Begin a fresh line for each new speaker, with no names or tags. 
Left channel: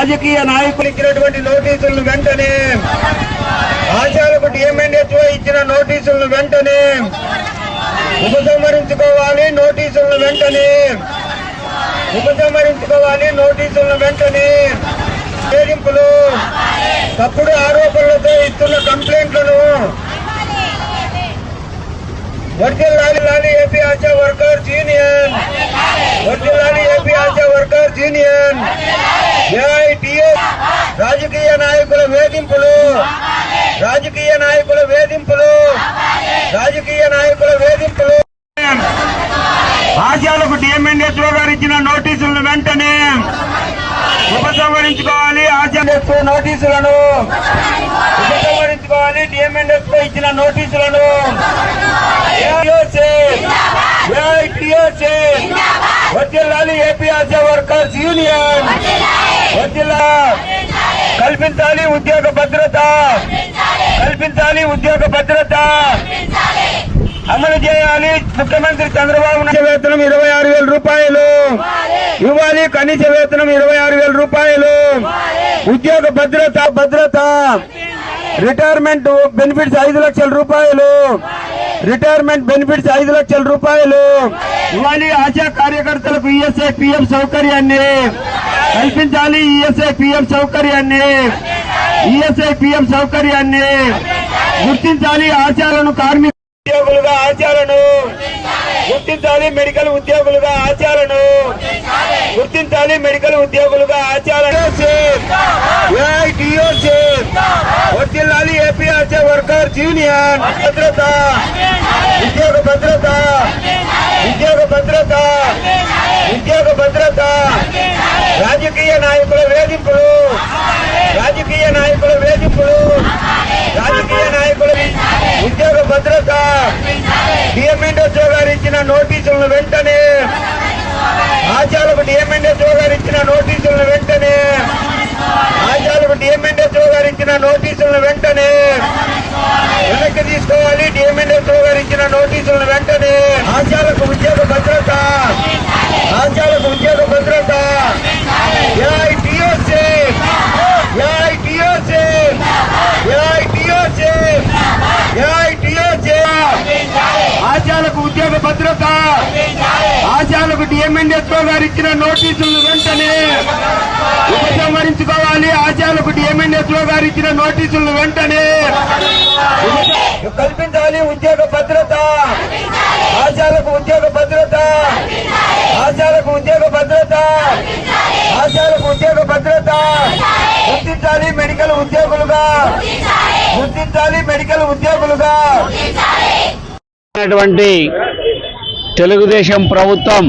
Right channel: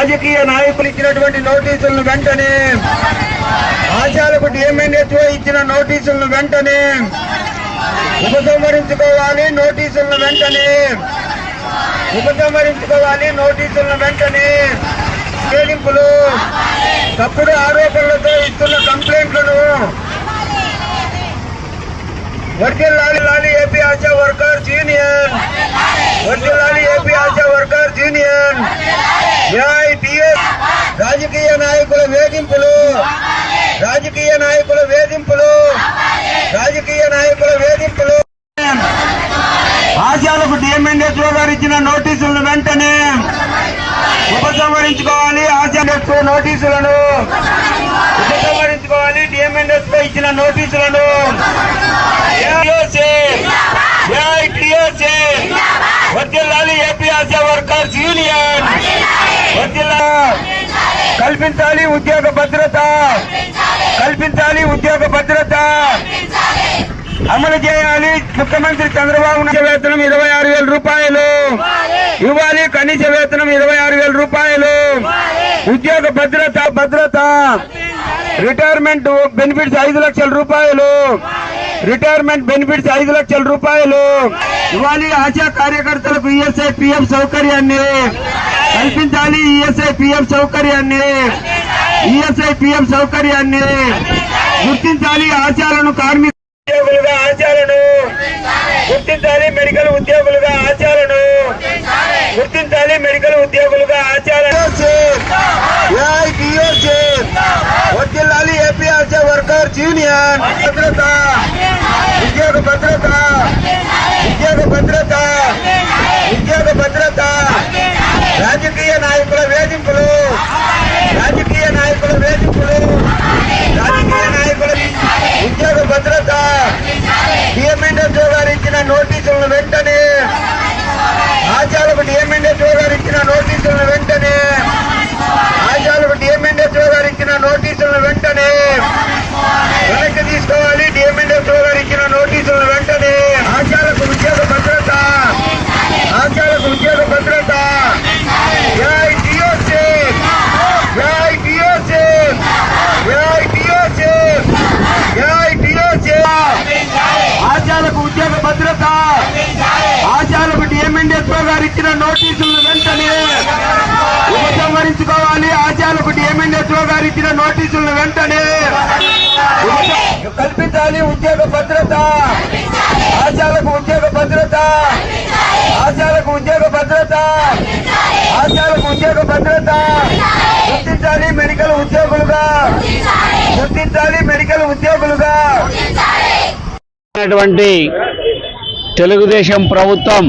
రాజకీయ నాయకులు ఇచ్చినటువంటి నోటీసులను వెంటనే ఆచారకు డిఎంఎన్ఎస్ఓ ఇచ్చిన నోటీసులను వెంటనే ఉపసంహరించుకోవాలి నోటీసులను వెంటనే ఉపసంహరించుకోవాలి నోటీసులను వెంటనే వేధింపులు తప్పుడు ఆరోపణలతో ఇస్తున్న కంప్లైంట్లను వర్జిల్లాలి లాలి AP ASHA worker union వర్జిల్లాలి AP ASHA workers union AITS రాజకీయ నాయకుల వేధింపులు. రాజకీయ నాయకుల వేధింపులు. రాజకీయ నాయకుల వేధింపులు. ఆశాలకు డిఎంఎన్ఎస్ఓ గారు ఇచ్చిన నోటీసులను వెంటనే ఉపసంహరించుకోవాలి. ఆశాఎస్ఓ నోటీసులను ఉపసంహరించుకోవాలి. డిఎంఎన్ఎస్ఓ ఇచ్చిన నోటీసులను వర్జిల్లాలి ఏపీ ఆశా వర్కర్స్ యూనియన్ వర్జిల్లా కల్పించాలి ఉద్యోగ భద్రత. కల్పించాలి ఉద్యోగ భద్రత. అమలు చేయాలి ముఖ్యమంత్రి చంద్రబాబు నాయుడు. వేతనం ఇరవై ఆరు వేల రూపాయలు. ఇవ్వాలి కనీస వేతనం ఇరవై ఆరు వేల రూపాయలు. ఉద్యోగ భద్రత భద్రత. రిటైర్మెంట్ బెనిఫిట్స్ ఐదు లక్షల రూపాయలు. రిటైర్మెంట్ బెనిఫిట్స్ ఐదు లక్షల రూపాయలు. ఇవ్వాలి ఆశా కార్యకర్తలకు ఈఎస్ఐ పిఎం సౌకర్యాన్ని. కల్పించాలి ఈఎస్ఐ పిఎం సౌకర్యాన్ని. ఈఎస్ఐ పిఎం సౌకర్యాన్ని. గుర్తించాలి ఆశాలను కార్మిక ఉద్యోగులుగా ఆచాలను గుర్తించాలి మెడికల్ ఉద్యోగులుగా ఆచాలను గుర్తించాలి మెడికల్ ఉద్యోగులుగా ఆచాలను వర్తిల్లాలి ఏపీ ఆశా వర్కర్స్ యూనియన్. భద్రత ఉద్యోగ భద్రత ఉద్యోగ భద్రత ఉద్యోగ భద్రత రాజకీయ నాయకుల వేధింపులు. రాజకీయ నాయకుల వేధింపులు. రాజకీయ నాయకుల ఉద్యోగ భద్రత. డిఎంఎన్ఎస్ఓ గారు ఇచ్చిన నోటీసులను వెంటనే ఆచార్యులకు డిఎంఎన్ఎస్ఓ గారు ఇచ్చిన నోటీసులను వెంటనే ఆచార్యులకు డిఎంఎన్ఎస్ఓ గారు ఇచ్చిన నోటీసులను వెంటనే వెనక్కి తీసుకోవాలి డిఎంఎన్ఎస్ఓ గారు ఇచ్చిన నోటీసులను వెంటనే ఆచార్యులకు ఉద్యోగ భద్రత ఆచార్యులకు ఉద్యోగ భద్రత ఏఐటిఓసి ఏఐటిఓసి ఏఐటిఓసి ఏఐటిఓసి ఆశాలకు ఉద్యోగ భద్రత. ఆశాలకు డిఎంఎన్ఎస్ఓ గారు ఇచ్చిన నోటీసులను వెంటనే ఉపసంహరించుకోవాలి. ఆశాలకు డిఎంఎన్ఎస్ఓ గారు ఇచ్చిన నోటీసులను వెంటనే కల్పించాలి. ఉద్యోగ భద్రత. ఆశాలకు ఉద్యోగ భద్రత. ఆశాలకు ఉద్యోగ భద్రత. ఆశాలకు ఉద్యోగ భద్రత. గుర్తించాలి మెడికల్ ఉద్యోగులుగా. గుర్తించాలి మెడికల్ ఉద్యోగులుగా.
అటువంటి తెలుగుదేశం ప్రభుత్వం